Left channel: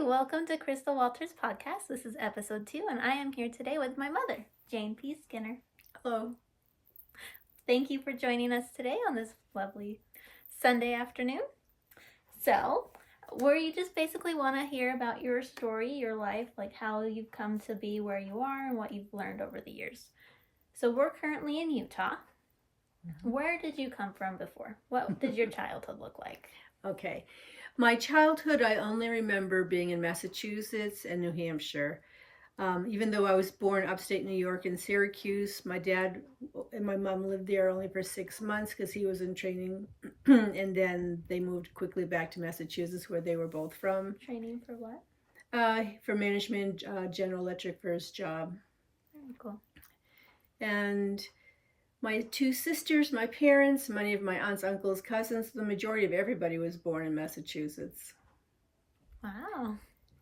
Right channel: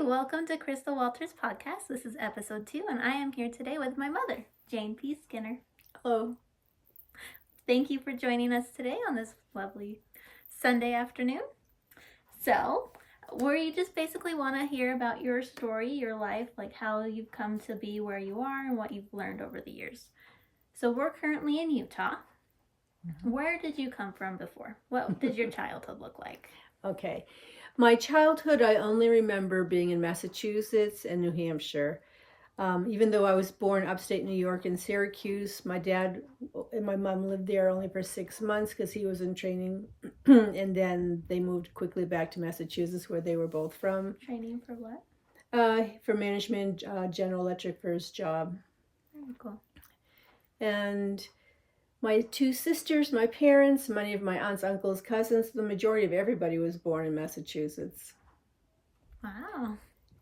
Hi, welcome to Crystal Walters' podcast. This is episode 2, and I am here today with my mother, Jane P. Skinner. Hello. Thank you for joining us today on this lovely Sunday afternoon. So, we just basically want to hear about your story, your life, like how you've come to be where you are and what you've learned over the years. So, we're currently in Utah. Where did you come from before? What did your childhood look like? Okay. My childhood, I only remember being in Massachusetts and New Hampshire. Even though I was born upstate New York in Syracuse, my dad and my mom lived there only for 6 months because he was in training. And then they moved quickly back to Massachusetts where they were both from. Training for what? For management, General Electric for his job. Very cool. And my 2 sisters, my parents, many of my aunts, uncles, cousins, the majority of everybody was born in Massachusetts. Wow.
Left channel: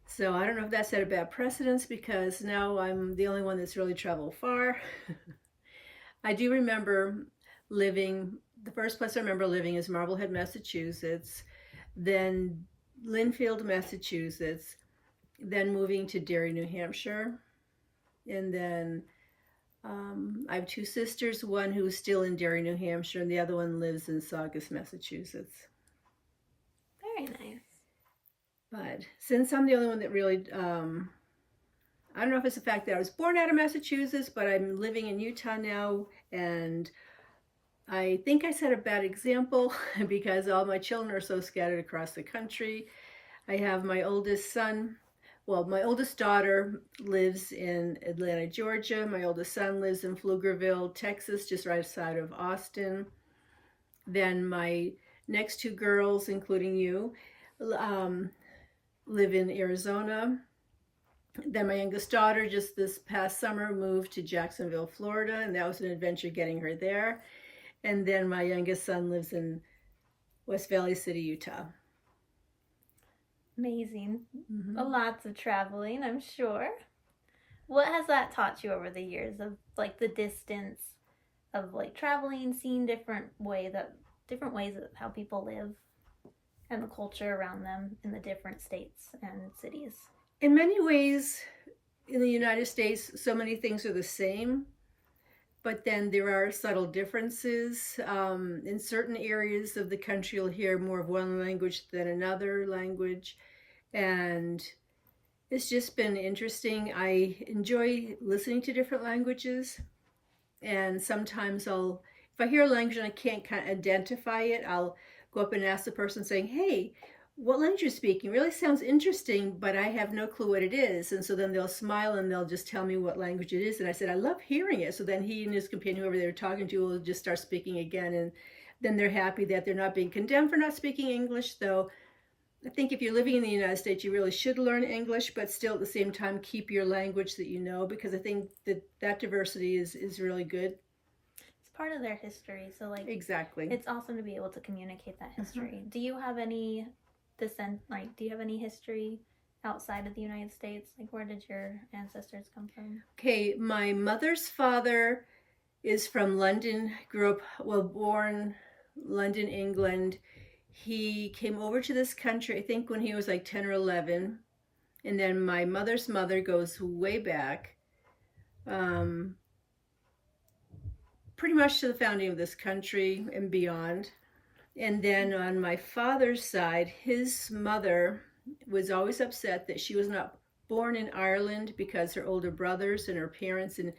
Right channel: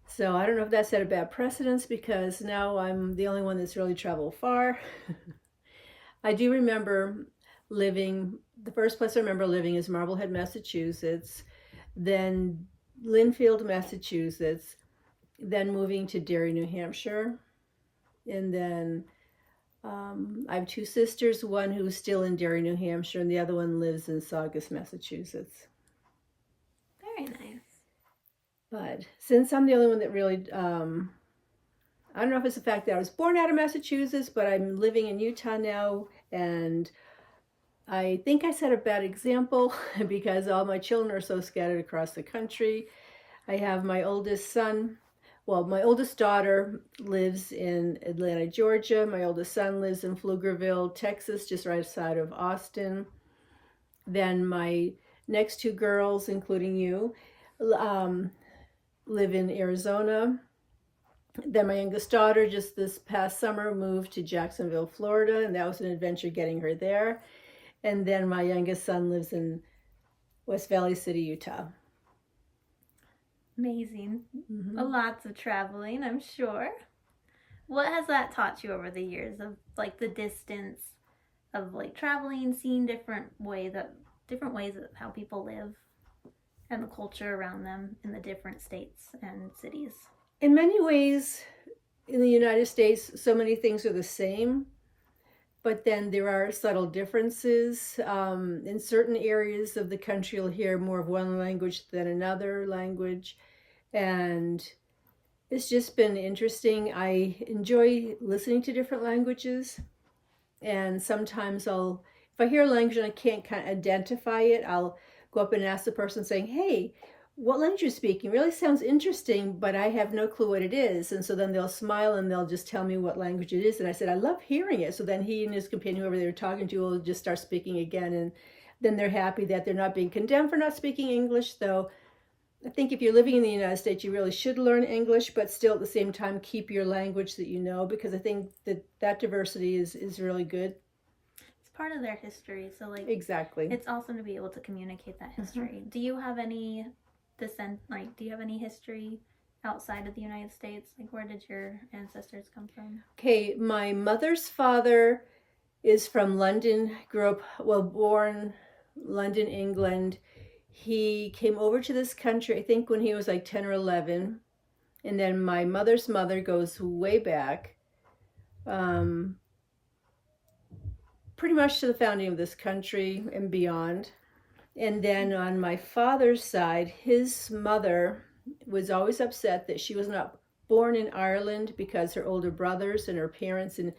So I don't know if that set a bad precedence because now I'm the only one that's really traveled far. I do remember the first place I remember living is Marblehead, Massachusetts, then Lynnfield, Massachusetts, then moving to Derry, New Hampshire, and then I have 2 sisters, one who's still in Derry, New Hampshire, and the other one lives in Saugus, Massachusetts. Very nice. But since I'm the only one that really, I don't know if it's the fact that I was born out of Massachusetts, but I'm living in Utah now, and I think I set a bad example because all my children are so scattered across the country. I have my oldest son. Well, my oldest daughter lives in Atlanta, Georgia. My oldest son lives in Pflugerville, Texas, just right outside of Austin. Then my next 2 girls, including you, live in Arizona. Then my youngest daughter just this past summer moved to Jacksonville, Florida, and that was an adventure getting her there. And then my youngest son lives in West Valley City, Utah. Amazing. Mm-hmm. Lots of traveling, I'm sure. What has that taught you over the years of like the distance of like traveling, seeing different ways of how people live and the culture around them in the different states and cities? In many ways, in the United States, so many things are the same, but then there are subtle differences. In certain areas of the country, you'll hear more of one language than another language. And it's just been interesting. I enjoy listening to different languages. And sometimes if I hear a language and I can't kind of identify it, I'll go up and ask the person saying, hey, what language are you speaking? It really sounds interesting, but I have no clue what it is. And so then they'll smile and they'll just tell me what language it is. And I said, I love hearing it. So then he and his companion, whoever they were talking to, will just start speaking again. And then they're happy that they're not being condemned for not speaking English, though. I think if you're living in the United States, you really should learn English, but still at the same time keep your language that you know, because I think that diversity is really good. It's part of their history, so like exactly, it's awesome to be able to communicate that history. Do you have any do you have any history outside of the United States? Like, where did your ancestors come from? Okay, my mother's father is from London, born London, England. He came over to this country, I think, when he was like 10 or 11. And then my mother's mother goes way back, pretty much to the founding of this country and beyond. And then on my father's side, his mother was always upset that she was not born in Ireland because her older brothers and her parents and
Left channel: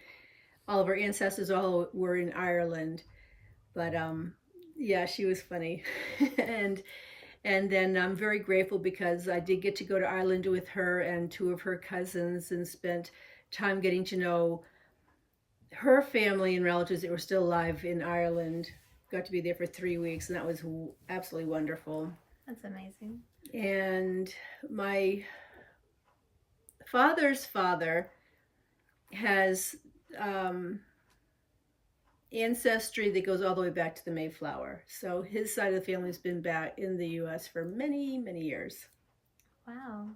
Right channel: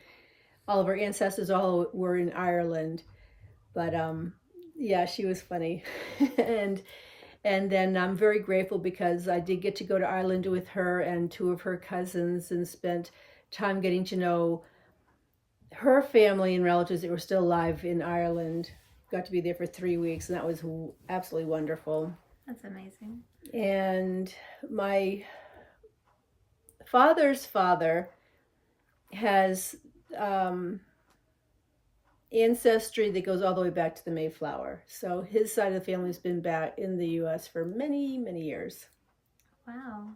all of her ancestors all were in Ireland. But yeah, she was funny. and then I'm very grateful because I did get to go to Ireland with her and 2 of her cousins and spent time getting to know her family and relatives that were still alive in Ireland. Got to be there for 3 weeks, and that was absolutely wonderful. That's amazing. And my father's father has ancestry that goes all the way back to the Mayflower. So his side of the family has been back in the U.S. for many, many years. Wow.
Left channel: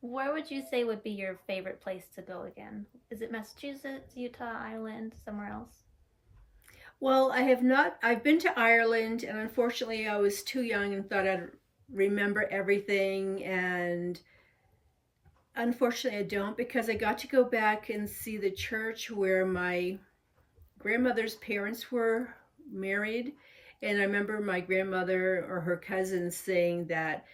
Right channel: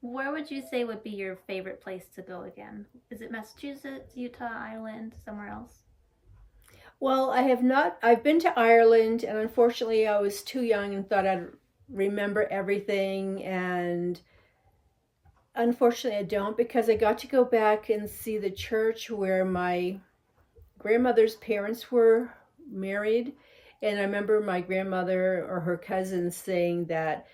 Where would you say would be your favorite place to go again? Is it Massachusetts, Utah, Ireland, somewhere else? Well, I've been to Ireland, and unfortunately I was too young and thought I'd remember everything, and Unfortunately, I don't, because I got to go back and see the church where my grandmother's parents were married. And I remember my grandmother or her cousins saying that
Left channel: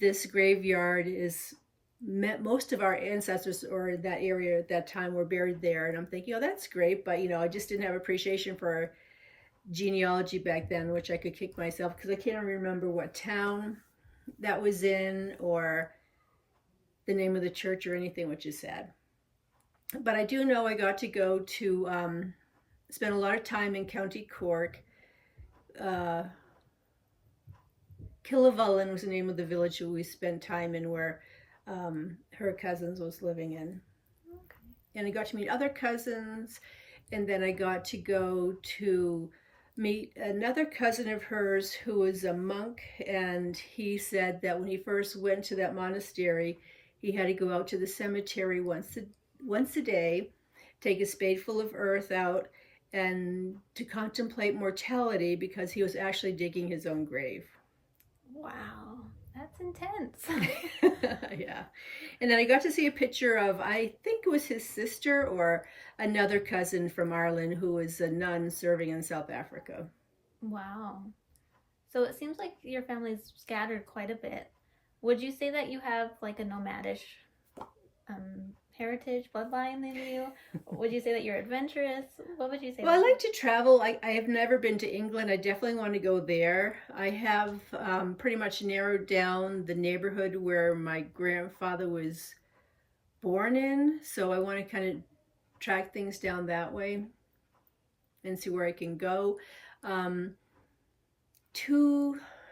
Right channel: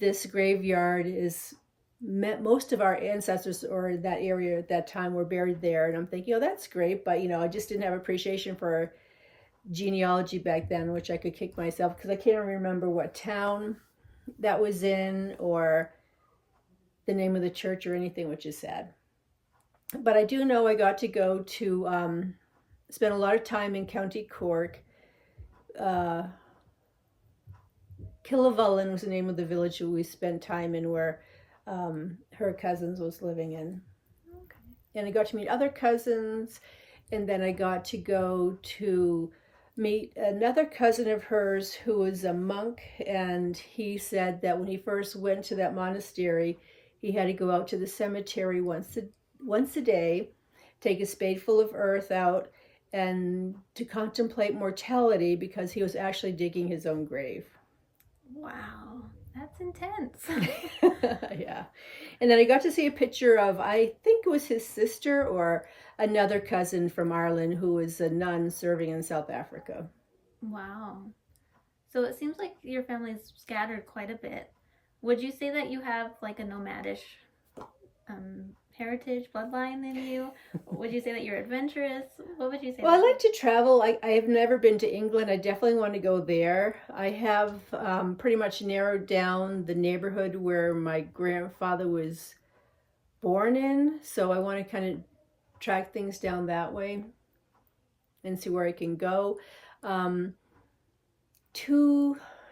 this graveyard is most of our ancestors or in that area at that time were buried there. And I'm thinking, oh, that's great. But, I just didn't have appreciation for genealogy back then, which I could kick myself because I can't remember what town that was in or the name of the church or anything, which is sad. But I do know I got to go to spend a lot of time in County Cork. Killavullen was the name of the village we spent time in, where her cousins was living in. Okay. And I got to meet other cousins, and then I got to go to meet another cousin of hers who was a monk, and he said that when he first went to that monastery, he had to go out to the cemetery once a day, take a spadeful of earth out, and to contemplate mortality because he was actually digging his own grave. Wow, that's intense. Yeah. And then I got to see a picture of, I think it was his sister or another cousin from Ireland who was a nun serving in South Africa. Wow. So it seems like your family's scattered quite a bit. Would you say that you have like a nomadish heritage bloodline in you? Would you say that you're adventurous? What would you say? Well, I like to travel. I have never been to England. I definitely want to go there. I have pretty much narrowed down the neighborhood where my grandfather was born in. So I want to kind of track things down that way and see where I can go.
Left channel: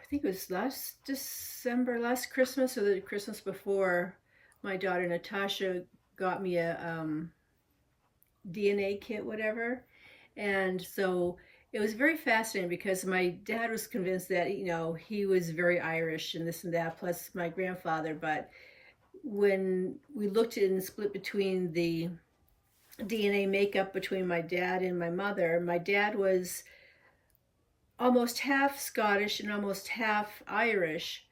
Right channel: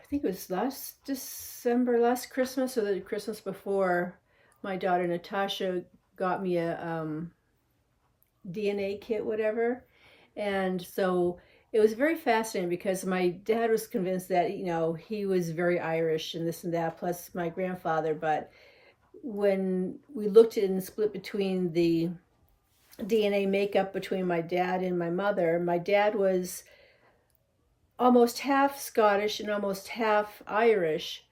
I think it was last December, last Christmas, or the Christmas before, my daughter Natasha got me a DNA kit, whatever. And so it was very fascinating because my dad was convinced that, he was very Irish and this and that, plus my grandfather. But when we looked at it and split between the DNA makeup between my dad and my dad was almost half Scottish and almost half Irish,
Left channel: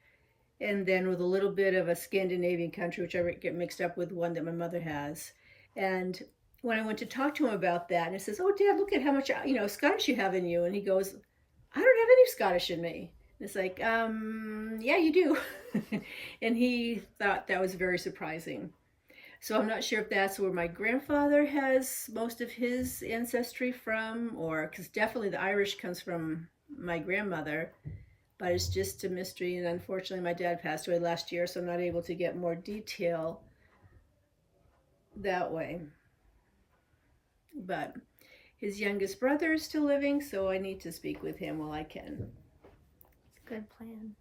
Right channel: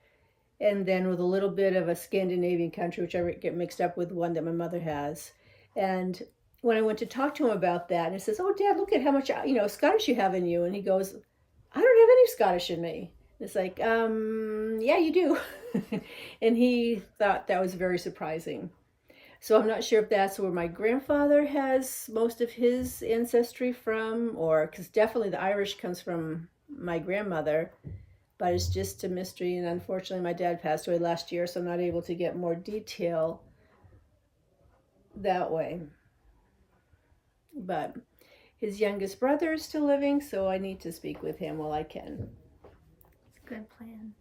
and then with a little bit of a Scandinavian country, which I get mixed up with one that my mother has. And when I went to talk to him about that, and he says, "Oh, Dad, look at how much Scottish you have in you," and he goes, "I don't have any Scottish in me." It's like, yeah, you do. And he thought that was very surprising. So I'm not sure if that's where my grandfather has most of his ancestry from, or because definitely the Irish comes from my grandmother, but it's just a mystery. And unfortunately, my dad passed away last year, so I'm not able to get more detail that way. But his youngest brother is still living, so I need to speak with him while I can. Good plan.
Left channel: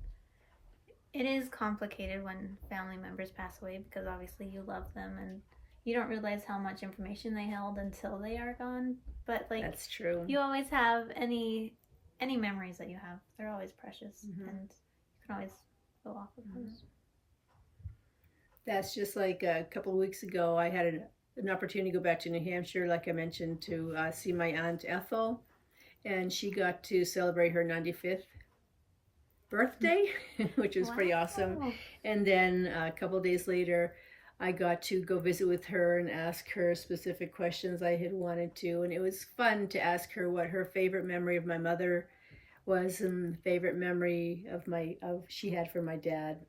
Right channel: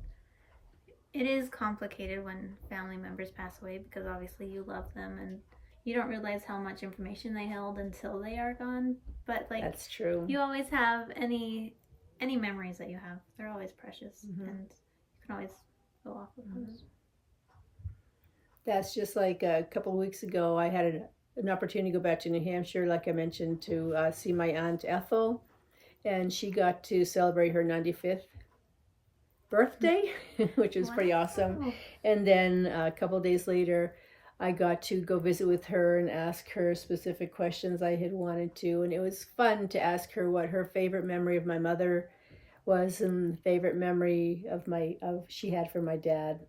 It is complicated when family members pass away because obviously you love them and you don't realize how much information they held until they are gone. But That's true. You always have any memories that you have. They're always precious, Mm-hmm. and you can always go off of those. That's just like a couple of weeks ago, I had an opportunity to go back to New Hampshire, like I mentioned, to see my Aunt Ethel, and she got to celebrate her 95th birthday, which was pretty awesome. And then a couple of days later, I got to go visit with her and ask her specific questions I had wanted to, and it was fun to ask her what her favorite memory of my mother was and favorite memory of she had for my dad.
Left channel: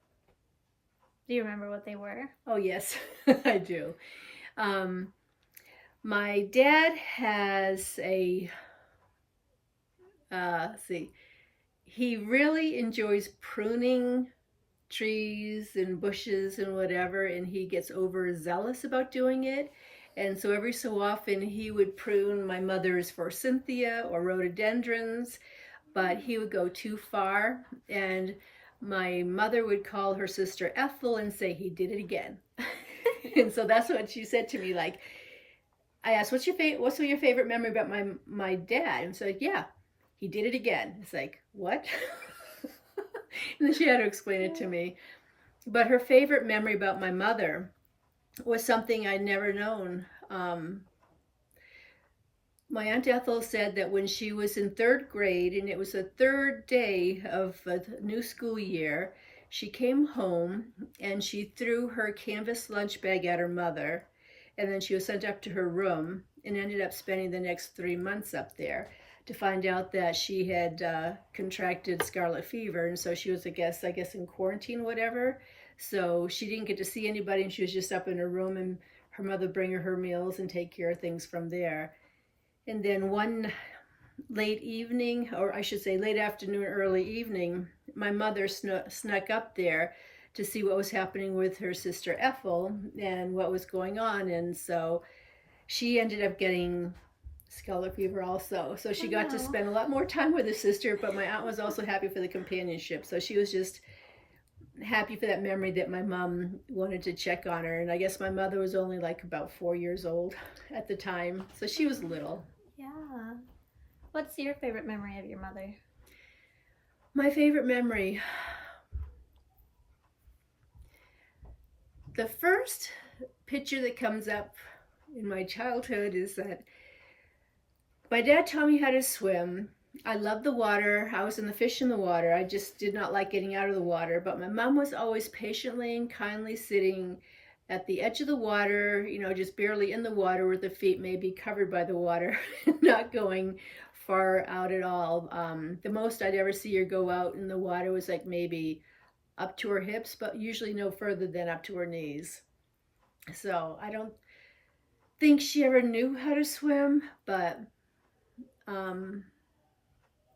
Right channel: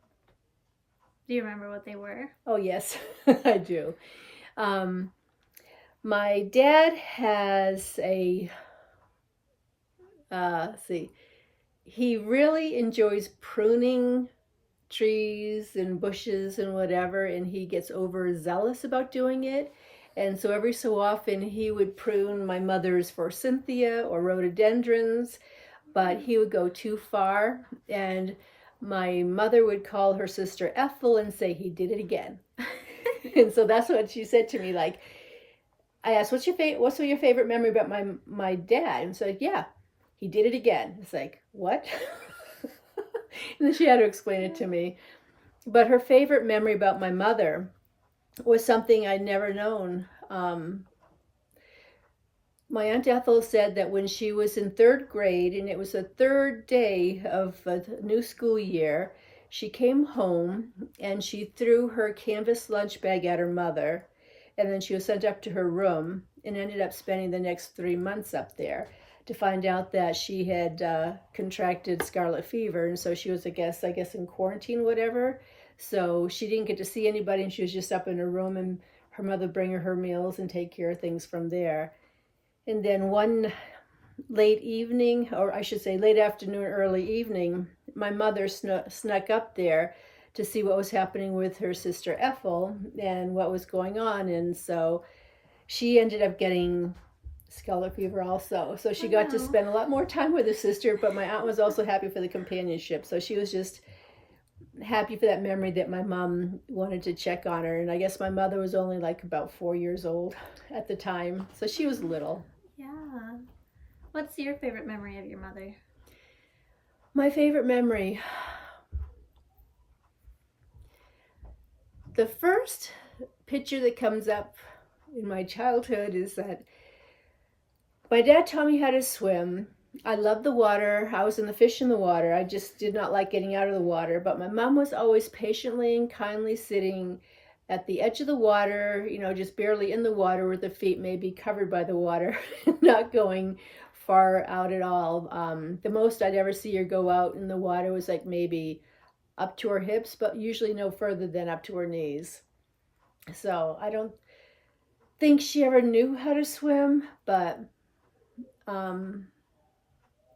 Do you remember what they were? Oh yes, I do. My dad has a he really enjoys pruning trees and bushes and whatever, and he gets overzealous about doing it. And so every so often he would prune my mother's forsythia or rhododendrons, but he would go too far, and my mother would call her sister Ethel and say he did it again. And so that's what she said to me. Like, I asked, what's your favorite memory about my dad? And so like, yeah, he did it again. It's like, what? And then she had to explain it to me. But her favorite memory about my mother was something I'd never known. My Aunt Ethel said that when she was in third grade, and it was the third day of the new school year, She came home and she threw her canvas lunch bag at her mother, and then she was sent up to her room and ended up spending the next 3 months up there to find out that she had contracted scarlet fever, and so she was, I guess in quarantine, whatever. So she didn't get to see anybody, and she was just up in her room, and her mother bring her meals and take care of things from there. And then one late evening, or I should say late afternoon, early evening, my mother snuck up there to see what was happening with her sister Ethel and what was going on. And so she ended up getting scarlet fever also. So she got to spend a lot more time with her sister, but my aunt was also happy for the companionship. So she was just happy for that memory that my mom wanted to check on her. And I guess my mother was only like about 4 years old at the time. So she was little. Yeah. What's your favorite memory of your mother? My favorite memory. The first picture that comes up in my childhood is that my dad taught me how to swim. I loved the water. I was in the fish in the water. I just did not like getting out of the water. But my mom was always patiently and kindly sitting at the edge of the water, just barely in the water with the feet maybe covered by the water, not going far out at all. The most I'd ever see her go out in the water was like maybe up to her hips, but usually no further than up to her knees. So I don't think she ever knew how to swim, but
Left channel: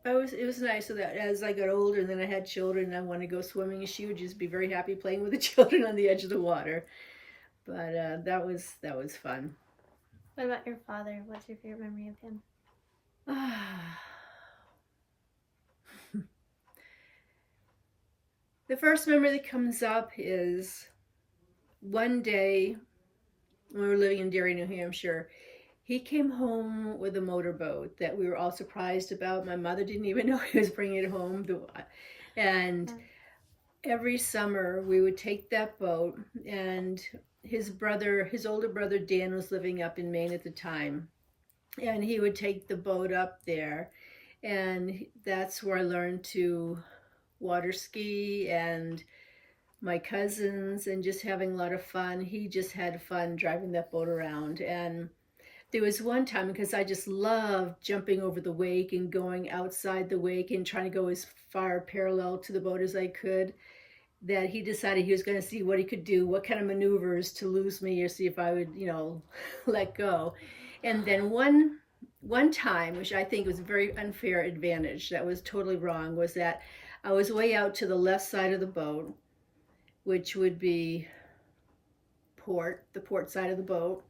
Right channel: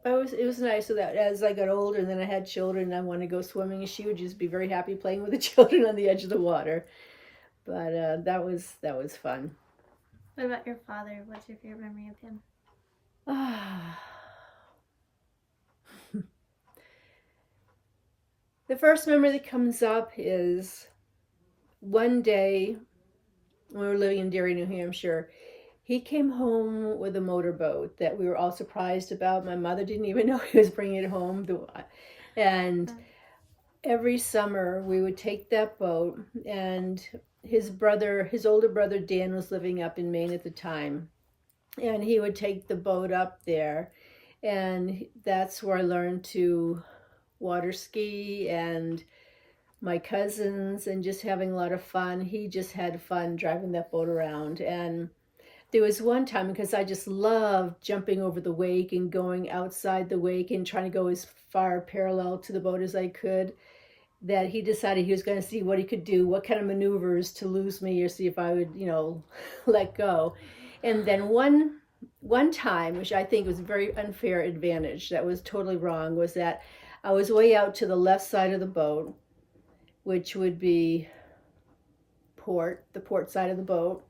it was nice. So that as I got older and then I had children and I wanted to go swimming, she would just be very happy playing with the children on the edge of the water. But that was fun. What about your father? What's your favorite memory of him? The first memory that comes up is one day when we were living in Derry, New Hampshire. He came home with a motorboat that we were all surprised about. My mother didn't even know he was bringing it home. And every summer we would take that boat, and his older brother Dan was living up in Maine at the time. And he would take the boat up there, and that's where I learned to water ski, and my cousins, and just having a lot of fun. He just had fun driving that boat around. And there was one time, because I just loved jumping over the wake and going outside the wake and trying to go as far parallel to the boat as I could, that he decided he was going to see what he could do, what kind of maneuvers to lose me or see if I would, let go. And then one time, which I think was a very unfair advantage, that was totally wrong, was that I was way out to the left side of the boat, which would be the port side of the boat.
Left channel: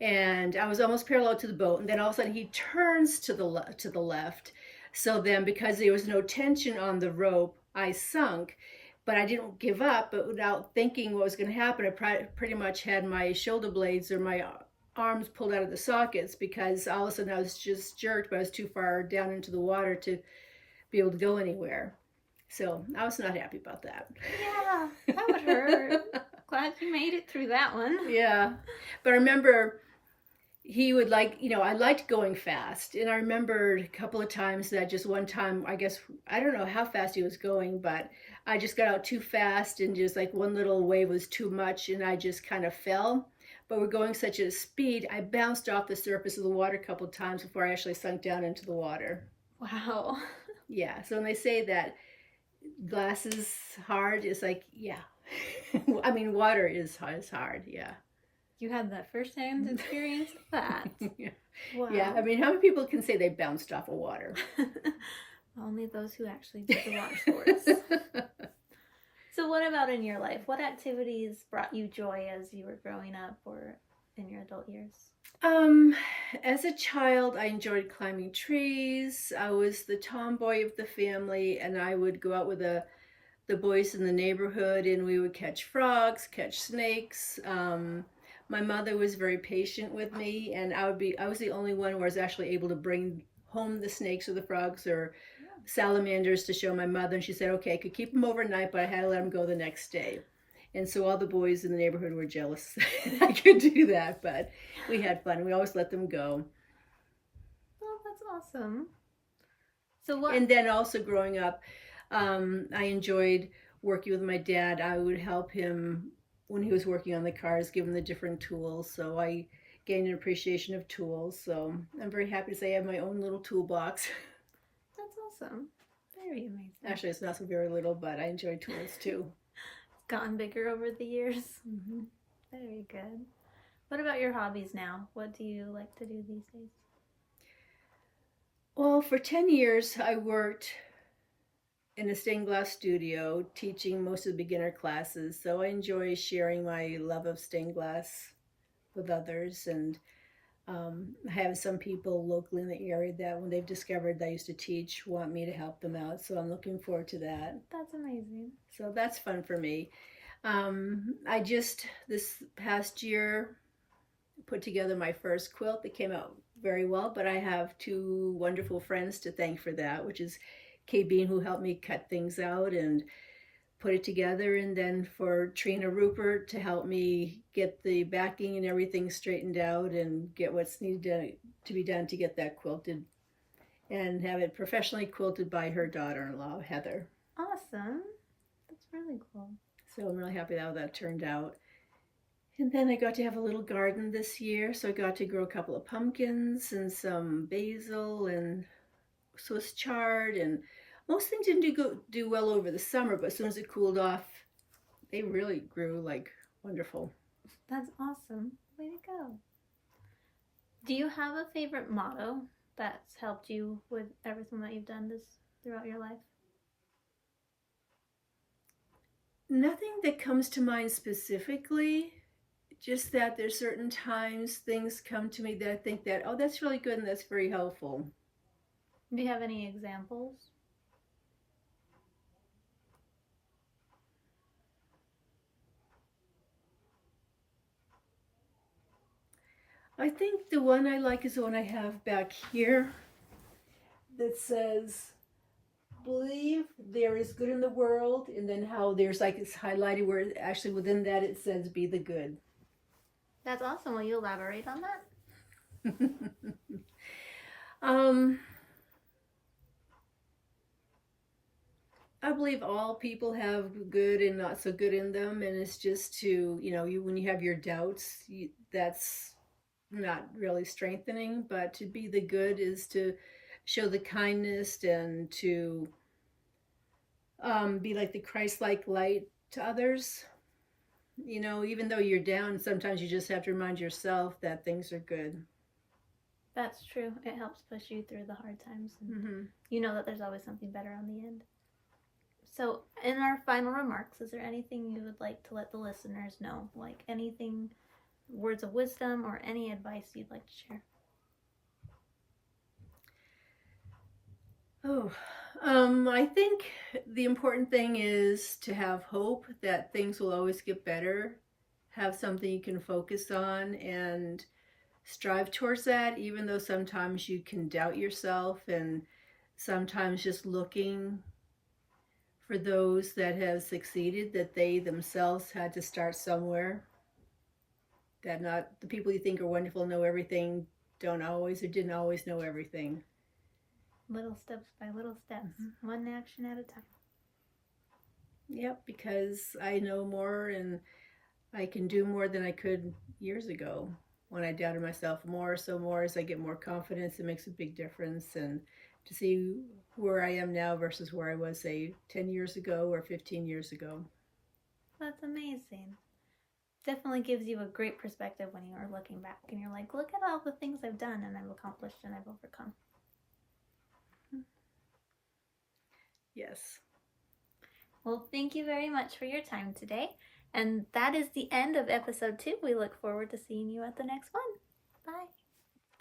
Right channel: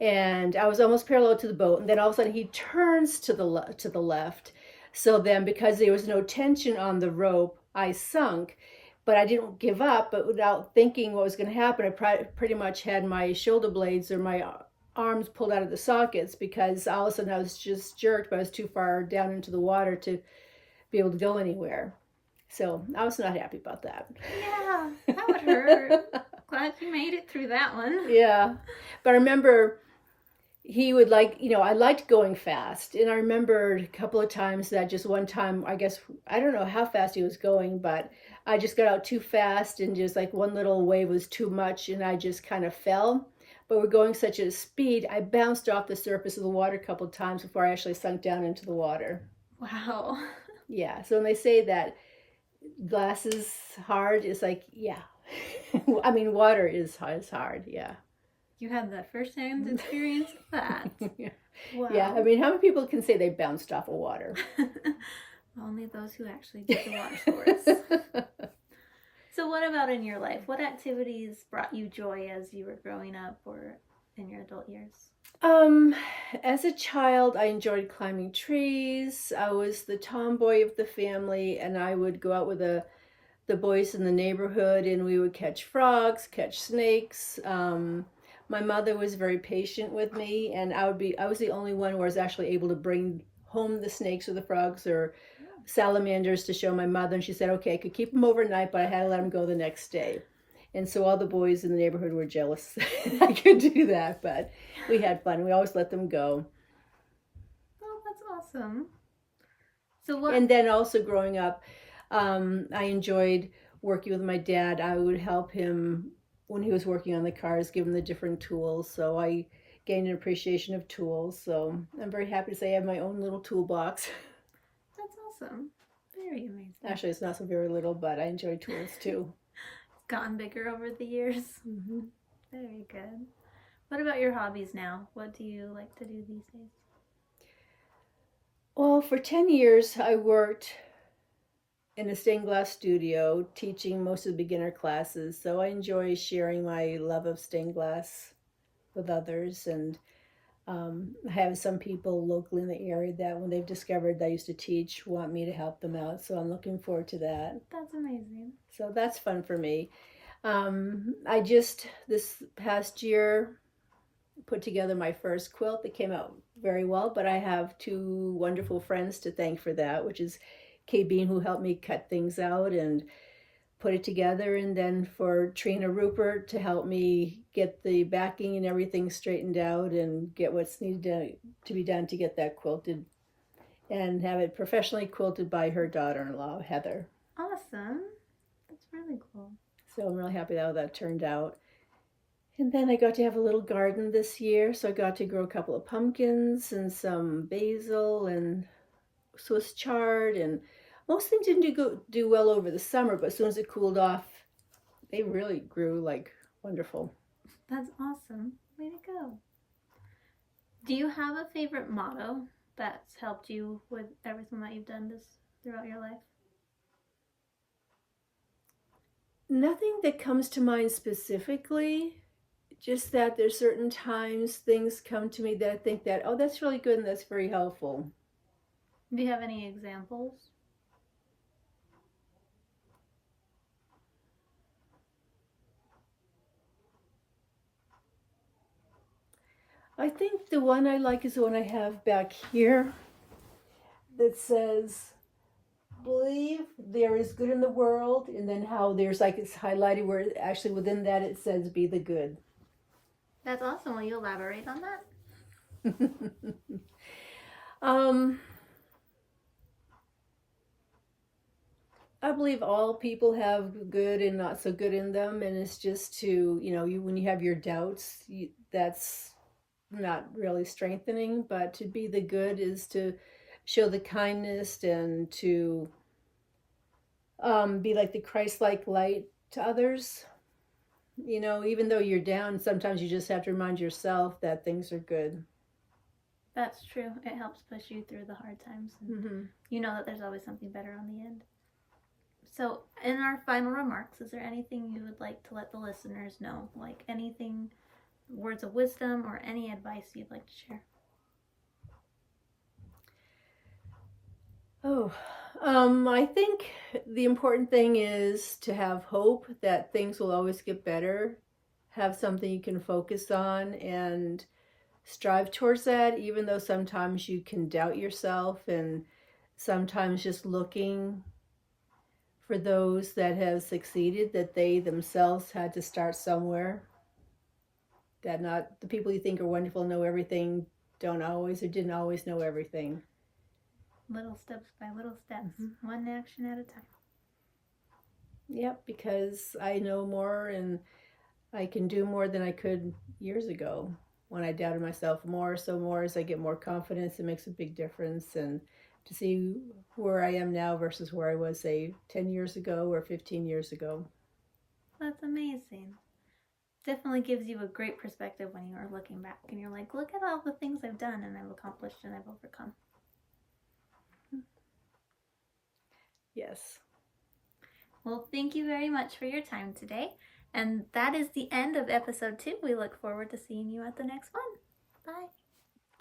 And I was almost parallel to the boat. And then all of a sudden he turns to the left. So then, because there was no tension on the rope, I sunk. But I didn't give up. But without thinking what was going to happen, I pretty much had my shoulder blades or my arms pulled out of the sockets, because all of a sudden I was just jerked, but I was too far down into the water to be able to go anywhere. So I was not happy about that. Yeah, that would hurt. Glad you made it through that one. Yeah. But I remember he would I liked going fast. And I remember a couple of times that just one time, I don't know how fast he was going, but I just got out too fast, and just like one little wave was too much, and I just kind of fell. But we're going such a speed, I bounced off the surface of the water a couple of times before I actually sunk down into the water. Wow. Yeah. So when they say that glass is hard, it's like, yeah. I mean, water is hard. Yeah. You had the first-hand experience of that. Yeah. Wow. Yeah. I mean, how many people can say they bounced off of water? Only those who actually did the water sports. So what about in your life? What activities brought you joy as you were growing up or in your adult years? As a child, I enjoyed climbing trees. I was the tomboy of the family, and I would go out with the boys in the neighborhood, and we would catch frogs, catch snakes. My mother was very patient with me, and I was the only one who was actually able to bring home the snakes or the frogs or salamanders to show my mother, and she said, okay, I could keep them overnight, but I had to let them go the next day. And so all the boys in the neighborhood were jealous I could do that, but we had fun. We always let them go. Oh, that's awesome. So what? And then also growing up, I enjoyed working with my dad, I would help him when he was working on the cars, give him the different tools. So I gained an appreciation of tools. So I'm very happy to say I have my own little toolbox. That's awesome. Very amazing. Actually, it's not so very little, but I enjoy tools too. Gotten bigger over the years. Mm-hmm. Very good. What about your hobbies now? What do you like to do these days? Well, for 10 years, I worked in a stained glass studio teaching most of the beginner classes. So I enjoy sharing my love of stained glass with others. And I have some people locally in the area that when they've discovered that I used to teach want me to help them out. So I'm looking forward to that. That's amazing. So that's fun for me. This past year, put together my first quilt that came out very well, but I have two wonderful friends to thank for that, which is Kay Bean, who helped me cut things out and put it together, and then for Trina Rupert to help me get the backing and everything straightened out and get what's needed to be done to get that quilted and have it professionally quilted by her daughter-in-law, Heather. Awesome. That's really cool. So I'm really happy how that turned out. And then I got to have a little garden this year, so I got to grow a couple of pumpkins and some basil and Swiss chard, and most things didn't do well over the summer, but as soon as it cooled off, they really grew like wonderful. That's awesome. Way to go. Do you have a favorite motto that's helped you with everything that you've done throughout your life? Nothing that comes to mind specifically, just that there's certain times things come to me that I think that, oh, that's really good and that's very helpful. Do you have any examples? I think the one I like is the one I have back here that says, believe there is good in the world, and then how there's like it's highlighted where actually within that it says be the good. That's awesome. Will you elaborate on that? I believe all people have good and not so good in them, and it's just to, when you have your doubts, that's not really strengthening, but to be the good is to show the kindness and to be like the Christ-like light to others. Even though you're down, sometimes you just have to remind yourself that things are good. That's true. It helps push you through the hard times. And you know that there's always something better on the end. So in our final remarks, is there anything you would like to let the listeners know? Like anything, words of wisdom or any advice you'd like to share? I think the important thing is to have hope that things will always get better. Have something you can focus on and strive towards that, even though sometimes you can doubt yourself, and sometimes just looking for those that have succeeded, that they themselves had to start somewhere. That not the people you think are wonderful, know everything, don't always or didn't always know everything. Little steps by little steps, one action at a time. Yep, because I know more and I can do more than I could years ago when I doubted myself more. So more as I get more confidence, it makes a big difference. And to see where I am now versus where I was, say, 10 years ago or 15 years ago. That's amazing. Definitely gives you a great perspective when you are looking back and you're like, look at all the things I've done and I've accomplished and I've overcome. Yes. Well, thank you very much for your time today. And that is the end of episode 2. We look forward to seeing you at the next one. Bye.